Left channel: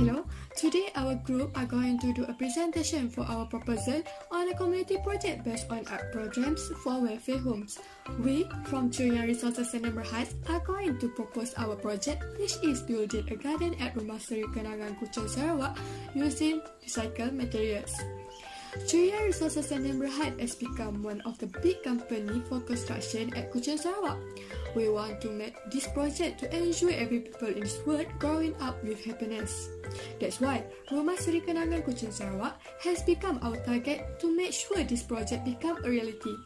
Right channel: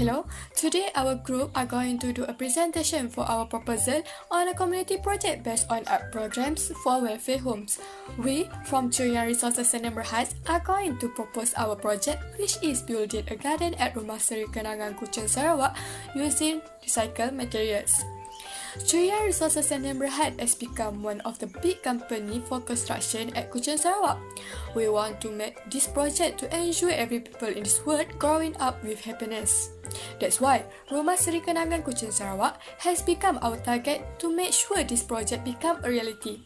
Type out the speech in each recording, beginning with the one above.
Hello, today our group are going to do a presentation for our proposal on a community project based on art programs for welfare homes. We from Churian Resources Center Berhad are going to propose our project, which is building a garden at Rumah Seri Kenangan Kuching Sarawak using recycled materials. Cyrille Resources Center Berhad has become one of the big company for construction at Kuching Sarawak. We want to make this project to ensure every people in this world growing up with happiness. That's why Rumah Seri Kenangan Kuching Sarawak has become our target to make sure this project become a reality.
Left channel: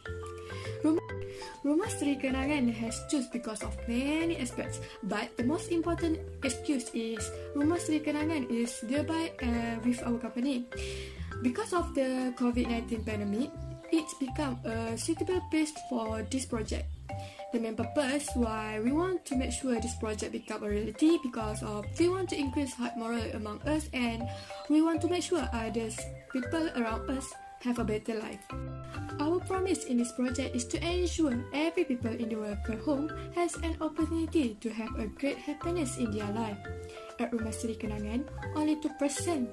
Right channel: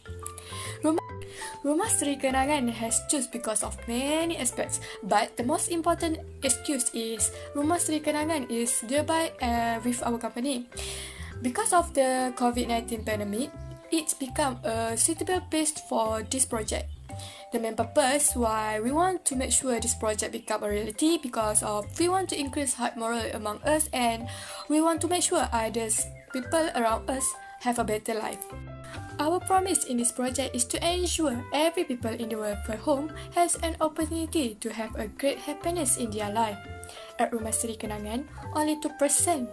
Rumah Seri Kenangan has chosen because of many aspects, but the most important excuse is Rumah Seri Kenangan is nearby with our company. Because of the COVID-19 pandemic, it's become a suitable place for this project. The main purpose why we want to make sure this project become a reality because of we want to increase heart moral among us and we want to make sure others people around us have a better life. Our promise in this project is to ensure every people in the welfare home has an opportunity to have a great happiness in their life. At Rumah Seri Kenangan, only 2%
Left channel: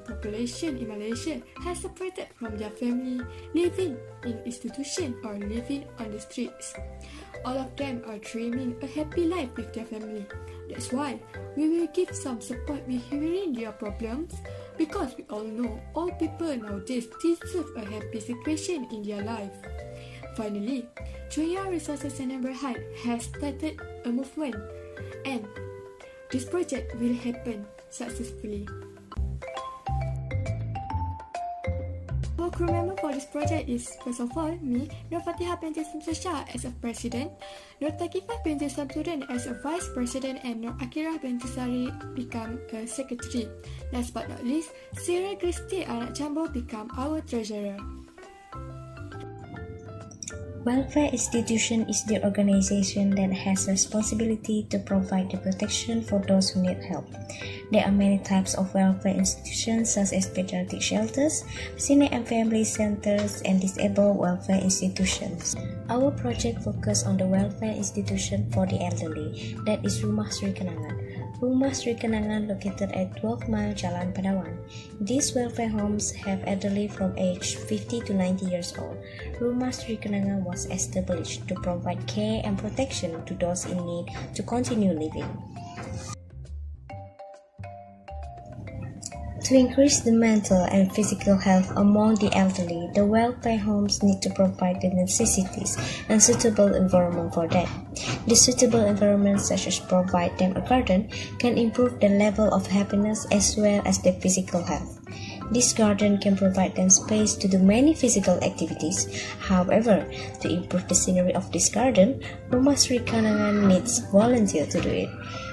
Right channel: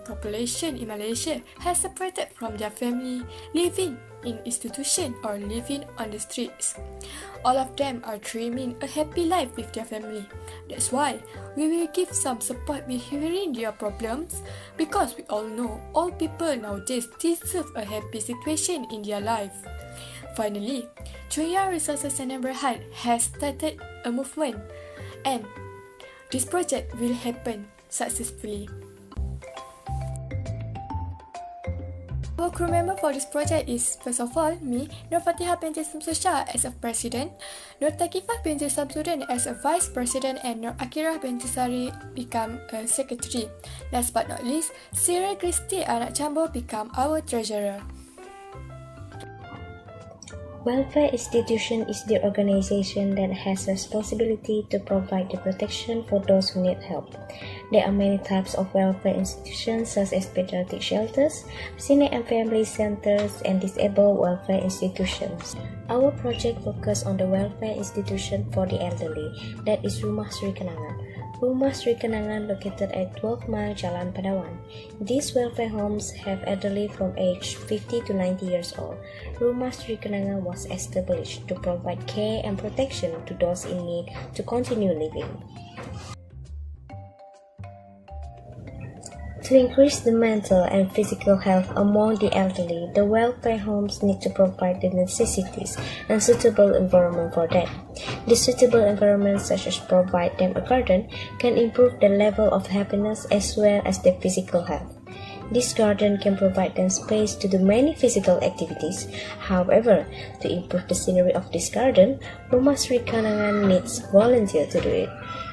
population in Malaysia has separated from their family, living in institution or living on the streets. All of them are dreaming a happy life with their family. That's why we will give some support with hearing their problems because we all know all people nowadays deserve a happy situation in their life. Finally, Curian Resources Center Berhad has started a movement and this project will happen successfully. Our crew member for this project is, first of all, me, Nurfatiha binti Syamsul Shah as a president, Nurthaqifah binti Samsudin as a vice president, and Nuraqirah binti Sarie become a secretary. Last but not least, Cyrille Christie, anak Jamboh, become our treasurer. Welfare institution is the organization that has responsibility to provide the protection for those who need help. There are many types of welfare institutions such as pediatric shelters, senior and family centers, and disabled welfare institutions. Our project focuses on the welfare institution for the elderly, that is Rumah Seri Kenangan. Rumah Seri Kenangan located at 12 Mile Jalan Padawan. These welfare homes have elderly from age 50 to 90 years old. Rumah Seri Kenangan was established to provide care and protection to those in need to continue living. To increase the mental and physical health among the elderly, the welfare homes need to provide the necessities and suitable environment for them. The suitable environment, such as provide them a garden, can improve the level of happiness as well as their physical health. This garden can provide them space to do many physical activities. However, to improve the scenery of this garden, Rumah Seri Kenangan needs volunteers to do it.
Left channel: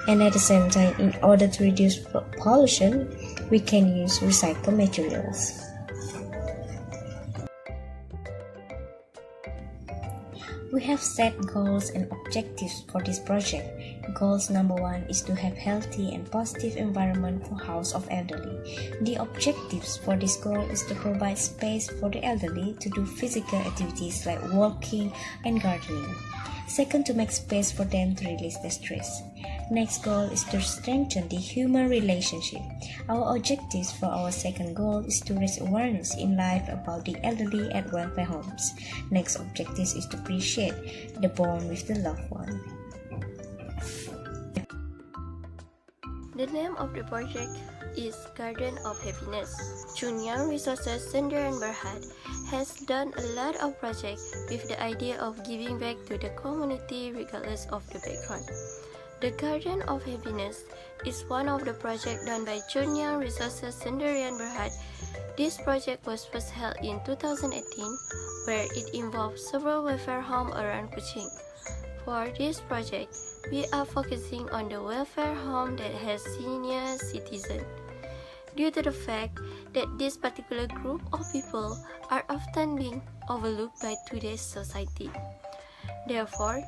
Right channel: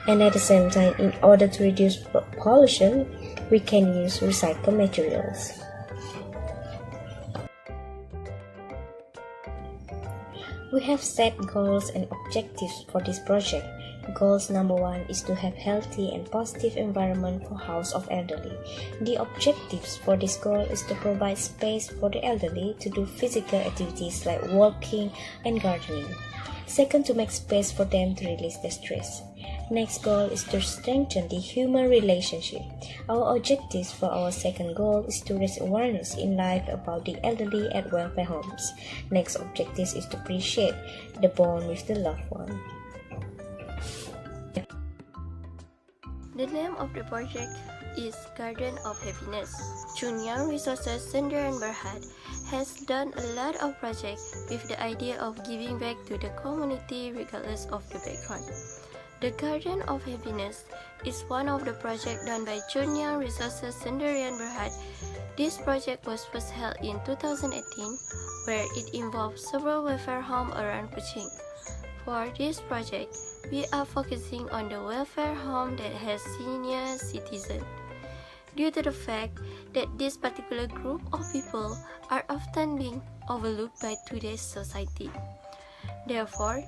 And at the same time, in order to reduce pollution, we can use recycled materials. We have set goals and objectives for this project. Goals number 1 is to have healthy and positive environment for house of elderly. The objectives for this goal is to provide space for the elderly to do physical activities like walking and gardening. Second, to make space for them to release their stress. Next goal is to strengthen the human relationship. Our objectives for our second goal is to raise awareness in life about the elderly at welfare homes. Next objective is to appreciate the bond with the loved one. The name of the project is Garden of Happiness. Curian Resources Center Berhad has done a lot of projects with the idea of giving back to the community regardless of the background. The Garden of Happiness is one of the projects done by Curian Resources Center Berhad. This project was first held in 2018, where it involved several welfare homes around Kuching. For this project, we are focusing on the welfare home that has senior citizens. Due to the fact that this particular group of people are often being overlooked by today's society. Therefore,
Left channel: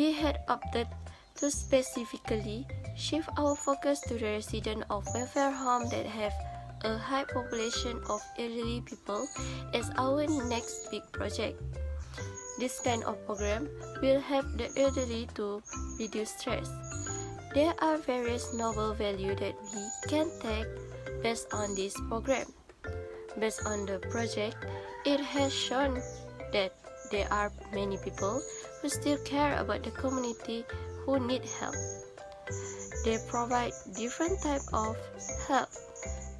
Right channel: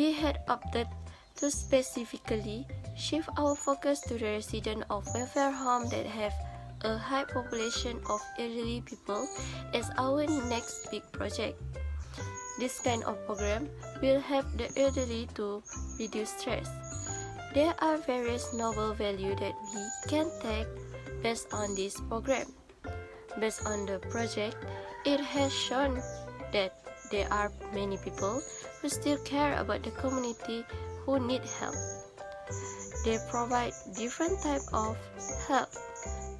we had opted to specifically shift our focus to the residents of welfare homes that have a high population of elderly people as our next big project. This kind of program will help the elderly to reduce stress. There are various noble values that we can take based on this program. Based on the project, it has shown that there are many people who still care about the community who need help. They provide different type of help.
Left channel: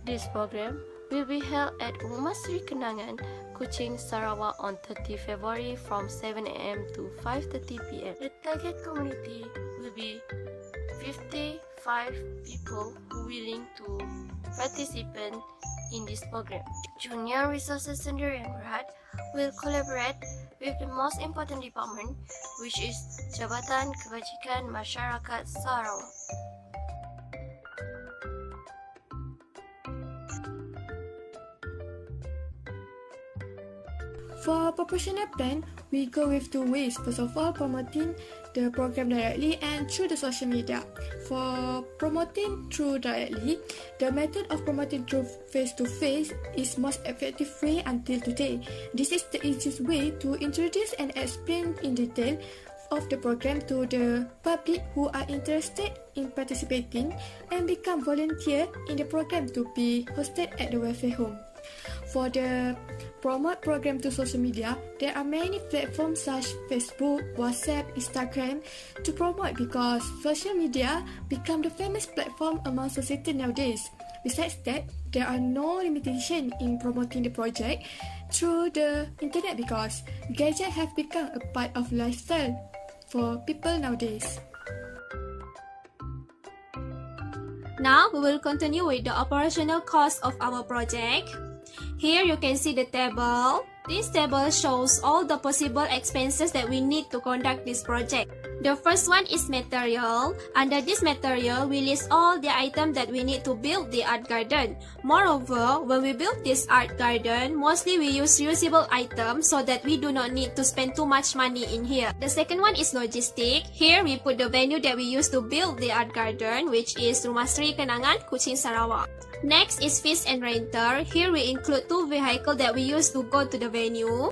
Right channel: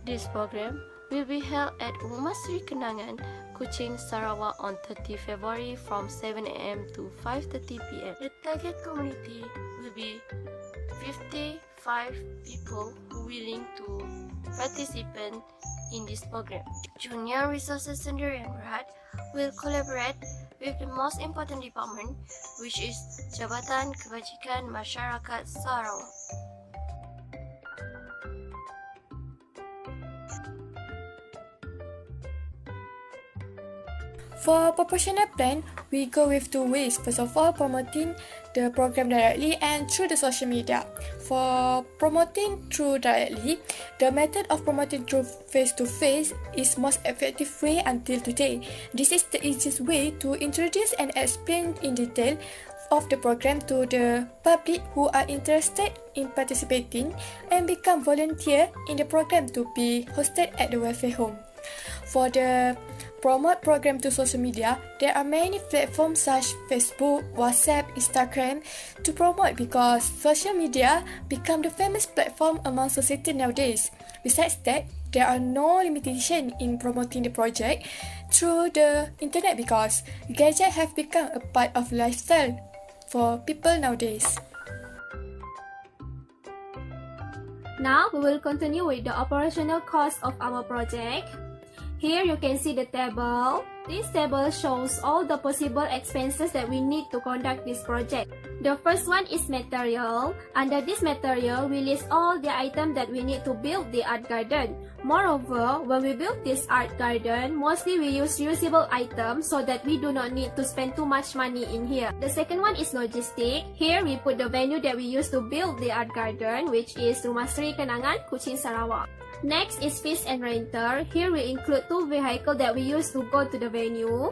This program will be held at Rumah Sri Kenangan, Kuching, Sarawak on 30 February from 7 a.m. to 5:30 p.m. The target community will be 55 people who willing to participate in this program. Junior Resources Center and Berhad will collaborate with the most important department, which is Jabatan Kebajikan Masyarakat Sarawak. For proportional plan, we go with two ways. First of all, promoting the program directly and through the social media. For promoting through directly, the method of promoting through face-to-face is most effective way until today. This is the easiest way to introduce and explain in detail of the program to the public who are interested in participating and become volunteer in the program to be hosted at the welfare home. For the promote program to social media, there are many platforms such Facebook, WhatsApp, Instagram to promote because social media become the famous platform among society nowadays. Besides that, there are no limitation in promoting the project through the internet because gadgets have become a part of lifestyle for people nowadays. Now we will continue with the operational cost of our project. Here you can see the table. This table shows all the possible expenses that we need to conduct this project. The first one is material. Under this material, we list all the items that we need to build the art garden. Moreover, when we build this art garden, mostly we use reusable items so that we do not need to spend too much money in here. The second one is logistic. Here we put the venue that we use to build the art garden, which is Rumah Sri Kenangan, Kuching, Sarawak. Next is fees and rental. Here we include 2 vehicles that we use to go to the venue.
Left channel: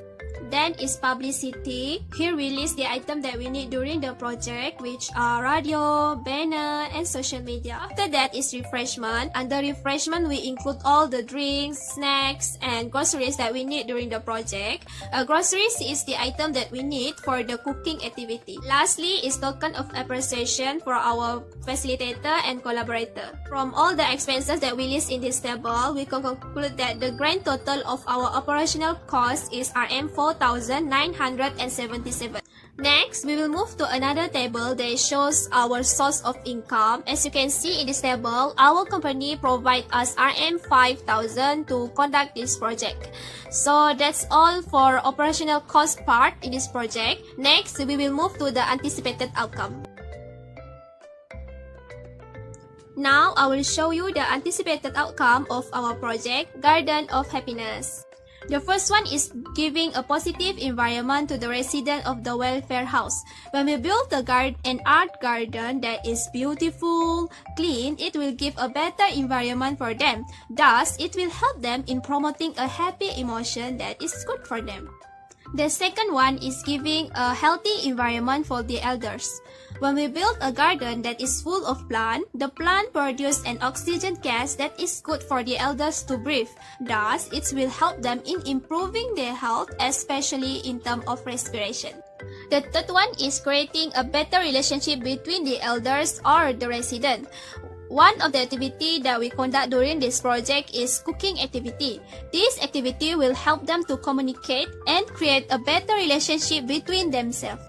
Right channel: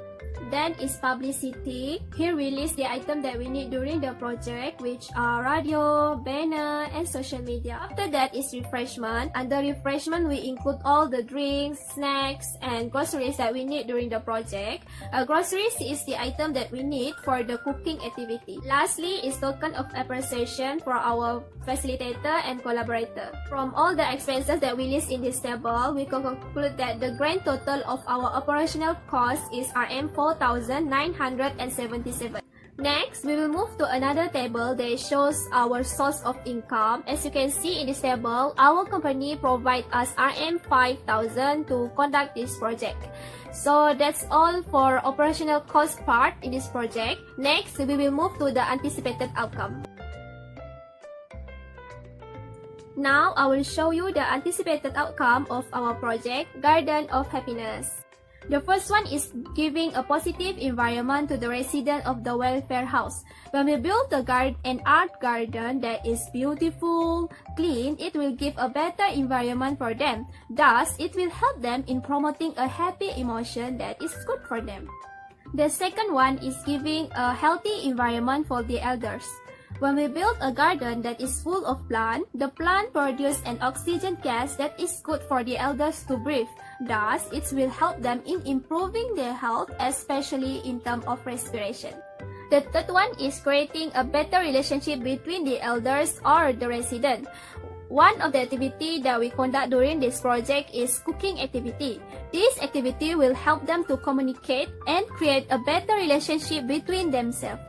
Then is publicity. Here we list the items that we need during the project, which are radio, banner, and social media. After that is refreshment. Under refreshment, we include all the drinks, snacks, and groceries that we need during the project. Groceries is the item that we need for the cooking activity. Lastly is token of appreciation for our facilitator and collaborator. From all the expenses that we list in this table, we can conclude that the grand total of our operational cost is RM 4,977. Next, we will move to another table that shows our source of income. As you can see in this table, our company provides us RM 5,000 to conduct this project. So that's all for operational cost part in this project. Next, we will move to the anticipated outcome. Now, I will show you the anticipated outcome of our project, Garden of Happiness. The first one is giving a positive environment to the resident of the welfare house. When we build an art garden that is beautiful, clean, it will give a better environment for them. Thus, it will help them in promoting a happy emotion that is good for them. The second one is giving a healthy environment for the elders. When we build a garden that is full of plants, the plant produces an oxygen gas that is good for the elders to breathe. Thus, it will help them in improving their health, especially in terms of respiration. The third one is creating a better relationship between the elders or the resident. One of the activities that we conduct during this project is cooking activity. This activity will help them to communicate and create a better relationship between themselves.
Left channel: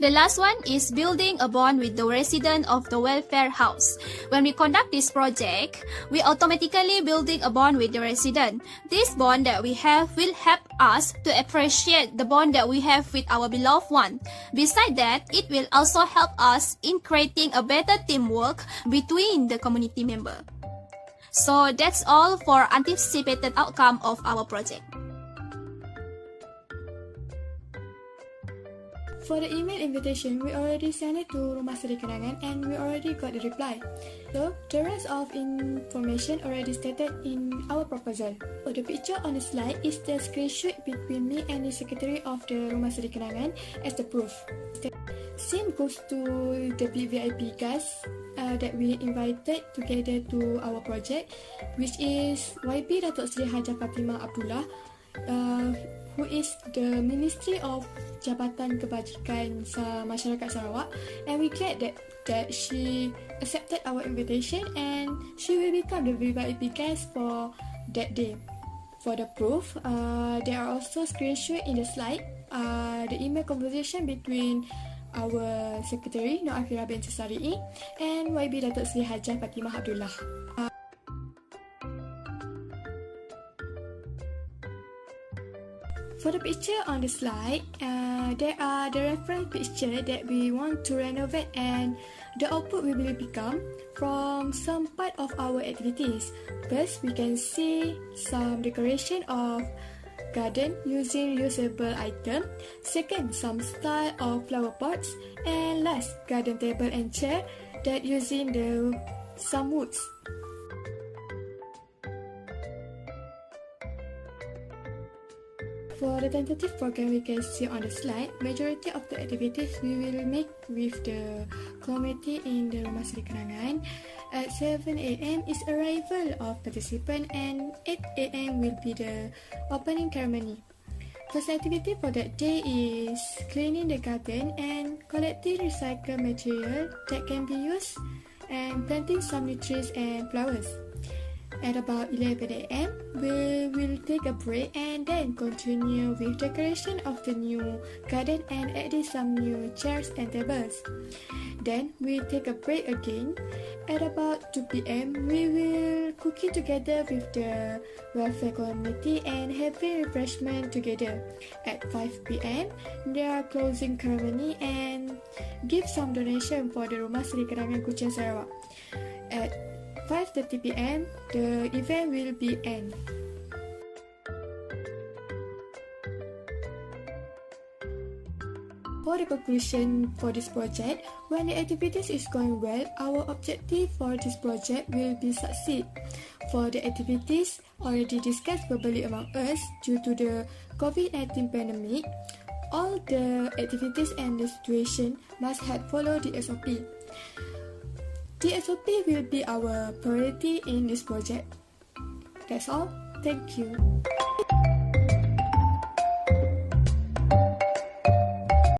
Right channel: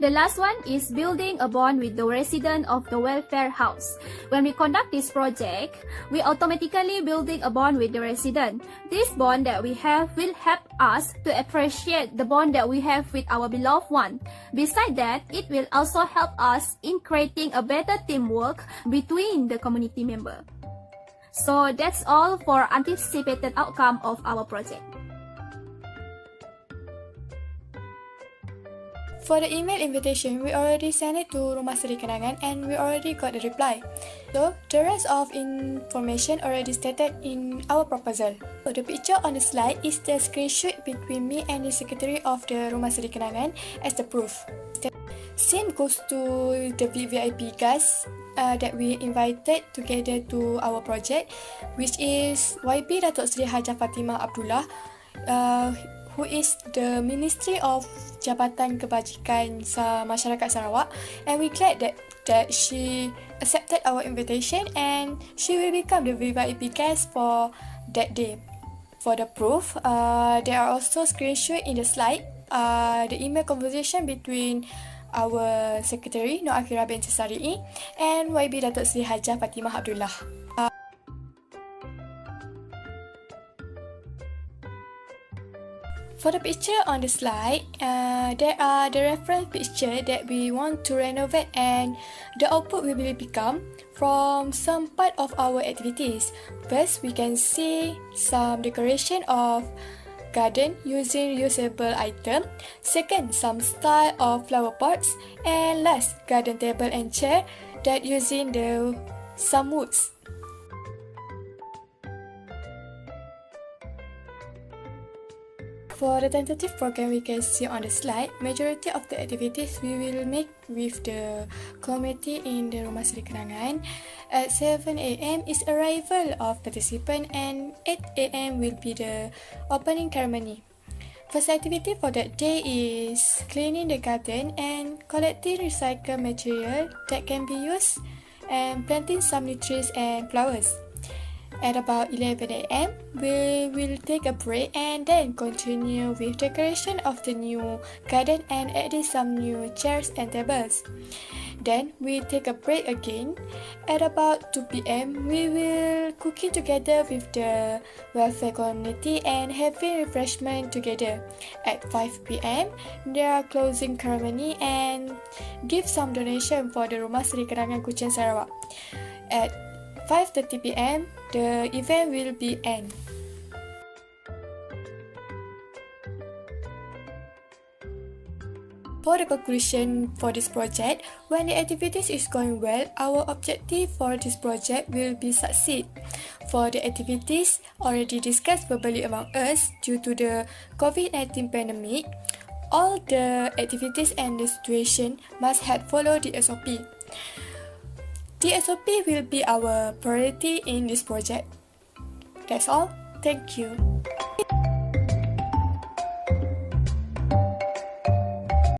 The last one is building a bond with the resident of the welfare house. When we conduct this project, we automatically building a bond with the resident. This bond that we have will help us to appreciate the bond that we have with our beloved one. Besides that, it will also help us in creating a better teamwork between the community members. So that's all for anticipated outcome of our project. For the email invitation, we already sent it to Rumah Sri Kenangan and we already got the reply. So, the rest of information already stated in our proposal. So, the picture on the slide is the screenshot between me and the secretary of the Rumah Sri Kenangan as the proof. Same goes to the VVIP guests that we invited together to our project, which is YB Datuk Seri Hajah Fatimah Abdullah, who is the Ministry of Jabatan Kebajikan Masyarakat Sarawak, and we glad that she accepted our invitation and she will become the VVIP guest for that day. For the proof, there are also screenshots in the slide, the email conversation between our secretary Nuraqirah binti Sarie and YB Datuk Seri Hajah Fatimah Abdullah. For the picture on the slide, there are the reference picture that we want to renovate, and the output will become from some part of our activities. First, we can see some decoration of garden using reusable item. Second, some style of flower pots, and last, garden table and chair that using some woods. For the tentative program we can see on the slide, majority of the activities we will make with the committee in the Rumah Seri Kenangan. At 7 AM is arrival of participant and 8 AM will be the opening ceremony. First activity for that day is cleaning the garden and collecting recycled material that can be used and planting some new trees and flowers. At about 11 AM, we will take a break and then continue with decoration of the new garden and adding some new chairs and tables. Then we take a break again. At about 2 PM, we will cooking together with the welfare community and having refreshment together. At 5 PM, there are closing ceremony and give some donation for the Rumah Seri Kenangan Kuching Sarawak. At 5:30 PM, the event will be end. For the conclusion for this project, when the activities is going well, our objective for this project will be succeed. For the activities already discussed verbally among us due to the COVID-19 pandemic, all the activities and the situation must have followed the SOP. The SOP will be our priority in this project. That's all. Thank you.